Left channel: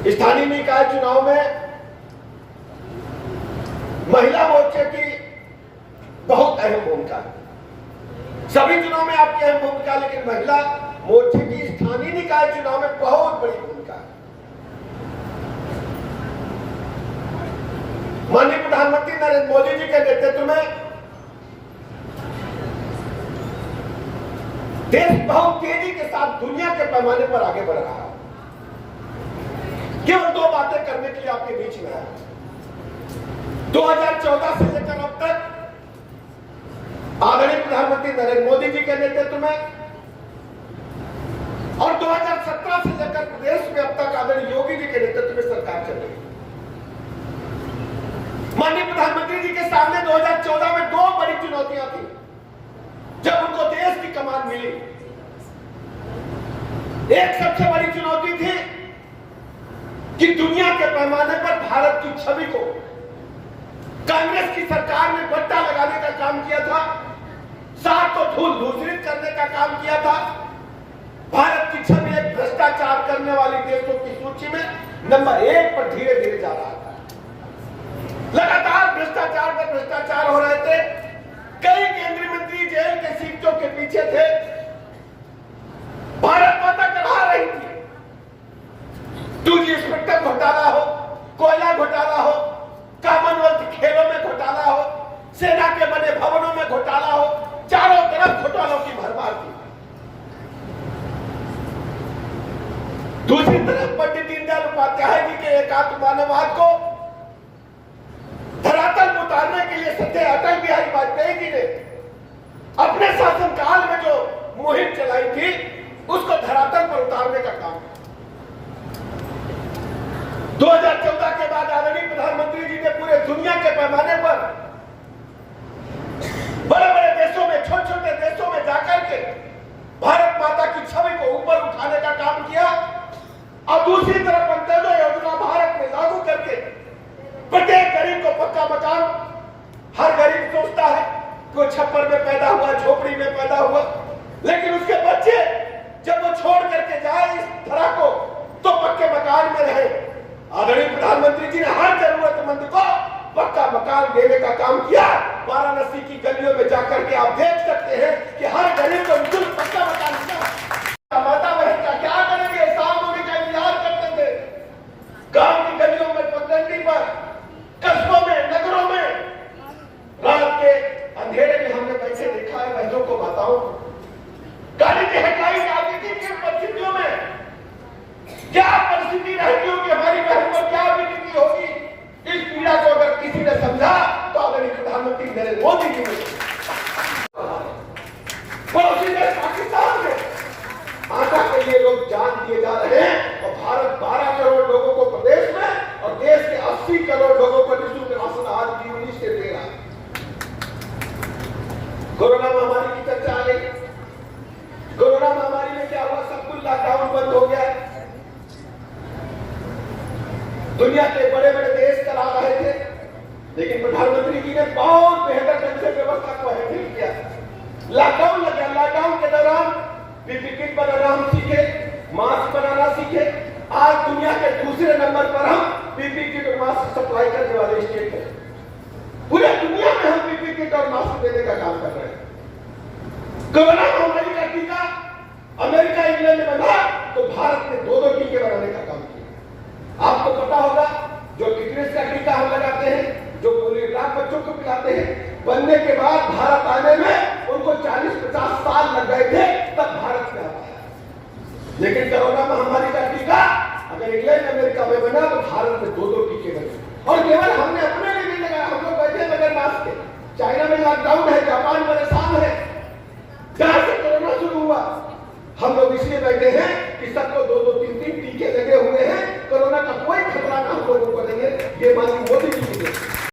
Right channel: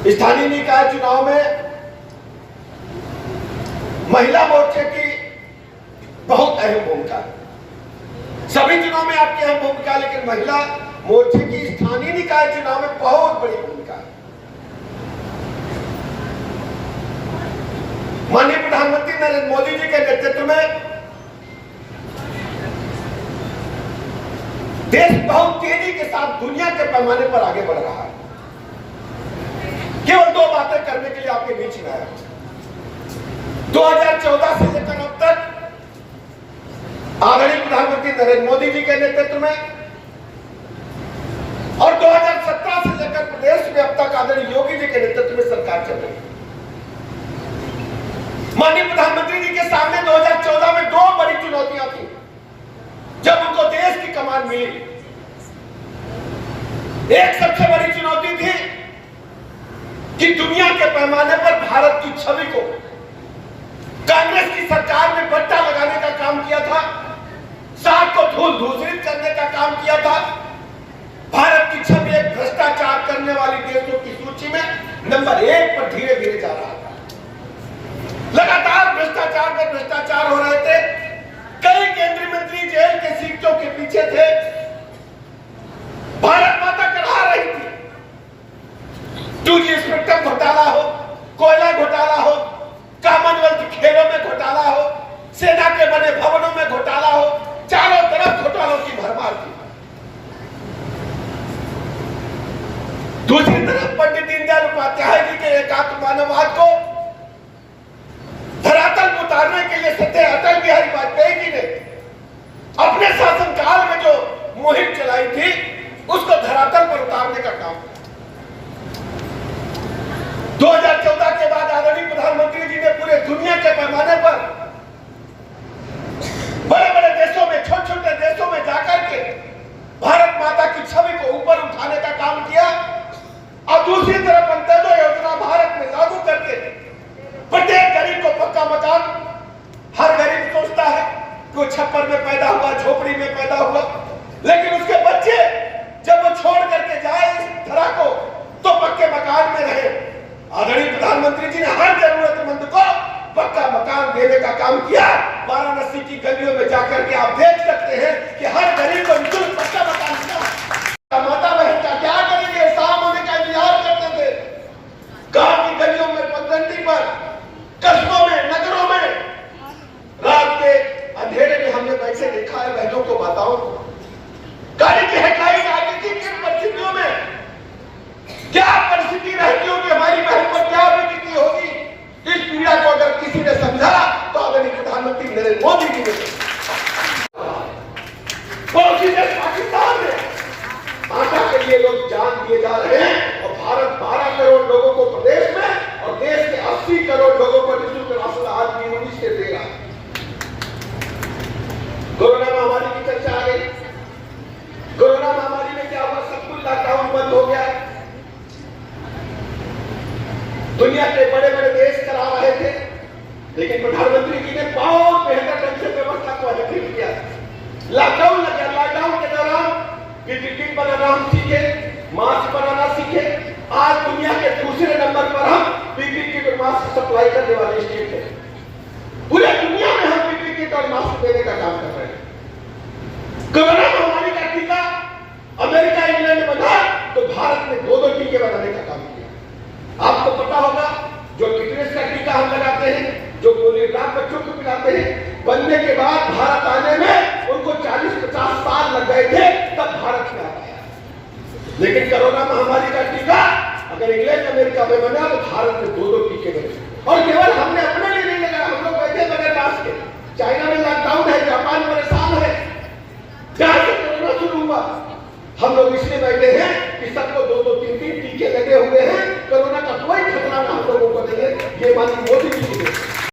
स्थानीय निकाय चुनाव में महिला मोर्चे की बहुत अहम भूमिका है। सभी चुनाव में आपकी अहम भूमिका, लेकिन महिला मोर्चे की स्थानीय निकाय चुनाव में बहुत बड़ी भूमिका है। माननीय प्रधानमंत्री नरेंद्र मोदी जी के नेतृत्व में देश बहुत तेजी के साथ दुनिया के पैमाने पर आगे बढ़ रहा है। केवल दो बातें करने के लिए आपके बीच में आया। 2014 से लेकर अब तक आदरणीय प्रधानमंत्री नरेंद्र मोदी जी के नेतृत्व में और 2017 से लेकर प्रदेश में अब तक आदरणीय योगी जी के नेतृत्व में सरकार चल रही है। माननीय प्रधानमंत्री जी के सामने 2014 में दो बड़ी चुनौतियां थी जब उनको देश की कमान मिली। एक सबसे बड़ी चुनौती थी कि दुनिया के पैमाने पर भारत की छवि को कांग्रेस की सरकार ने बट्टा लगाने का काम किया था, साथ को धूल धूसरित करने का काम किया था। भारत की छवि एक भ्रष्टाचार करने वाली देशों की सूची में नंबर 1 पर धीरे धीरे जा रहा था। लगातार भ्रष्टाचार पर भ्रष्टाचार हो रहे थे। कई केंद्रीय मंत्री जेल के सीटों के पीछे थे। भारत माता करा रही थी। 2G स्पेक्ट्रम घोटाला हो, कोयला घोटाला हो, कॉमनवेल्थ खेलों में घोटाला हो, सेना के बने भवनों में घोटाला हो, चारों तरफ घोटालों की भरमार थी। दूसरी तरफ पंडित दीनदयाल उपाध्याय जी के एकात्म मानववाद को धरातल पर उतारने के लिए सत्य अटल बिहारी वाजपेयी जी ने अपने शासनकाल में जो मुहिम चलाई थी उसको धरातल पर उतारने का काम 2014 के बाद आदरणीय प्रधानमंत्री जी ने पूरे दुनिया के पैमाने पर बड़े बड़े देशों में, छोटे छोटे देशों में जाकर के भारत माता की छवि को ऊपर उठाने का काम किया। और दूसरी तरफ अंत्योदय योजना भारत में लागू करके प्रत्येक गरीब को पक्का मकान। हर गरीब सोचता है कि वो छप्पर में पैदा हुआ, झोपड़ी में पैदा हुआ, लेकिन उसके बच्चे जब वो छोड़ करके जाए इस धरा को तो पक्के मकान में रहे। आदरणीय प्रधानमंत्री जी ने हर जरूरतमंद को पक्का मकान देने का काम किया। वाराणसी की गलियों में जाकर के आप देख सकते हैं कि हर गरीब को निःशुल्क पक्का मकान मिला। माता बहन का क्या करेंगे, शाम होने का इंतजार करते थे। गांव की गलियों में, पगडंडी पर, कस्बों में, नगरों में रात के अंधेरे में हमने कैसे देखा है। बहनों को बताओ, गाड़ी की हेडलाइट आगे की किन परिस्थितियों में क्या परिस्थिति रहती होगी, हमारी बहन पर क्या बीती होगी। इस पीड़ा को अगर किसी ने समझा तो आदरणीय प्रधानमंत्री नरेंद्र मोदी जी ने। पड़ोसी देश पाकिस्तान में आटा के लिए लोग जान दिए जा रहे हैं और भारत 12 करोड़ लोगों को प्रदेश में और देश के 80 करोड़ लोगों को निःशुल्क राशन आज भी 19 से दे रहा है। कोरोना महामारी की चर्चा आ गई। कोरोना महामारी में क्या हुआ, सब कुछ लॉकडाउन बंद हो गया है। दुनिया के बड़े बड़े देश करा रहे थे, लेकिन प्रधानमंत्री जी ने बहुत बेहतर ढंग से व्यवस्था को हैंडल किया। लॉकडाउन लग गया, लॉकडाउन के दौरान पीपीई किट बनाना हम सीखे, मास्क बनाना सीखे। आज दुनिया के दूसरे नंबर पर हम पीपीई किट और मास्क सप्लाई करने वाले स्टेट हैं। पूरे दुनिया में हम पीपीई किट और मास्क देने का काम कर रहे हैं। कोरोना महामारी का टीका अमेरिका, इंग्लैंड में बना तो भारत ने 2-2 टीके बनाने का काम किया। आपको पता होगा जो टिटनेस का टीका हम लगाते हैं, जो पोलियो ड्रॉप बच्चों को पिलाते हैं, बनने के बाद भारत आने में उनको 40-50 साल लग गए थे, तब भारत में आ पाया। लेकिन कोरोना महामारी का टीका अगर इंग्लैंड अमेरिका में बना तो भारत में 2-2 टीके बने। और केवल हमने अपने लिए नहीं लगाया, हम लोग बैठे बगैर मास्क के। चाइना में लॉकडाउन है, जापान परेशान है, जहां से कोरोना शुरू हुआ हम लोग इसलिए बैठे हैं कि सबको 2-2, 3-3 टीके लगे हुए हैं। कोरोना का कोई खतरा हम लोगों को नहीं है। ये माननीय मोदी जी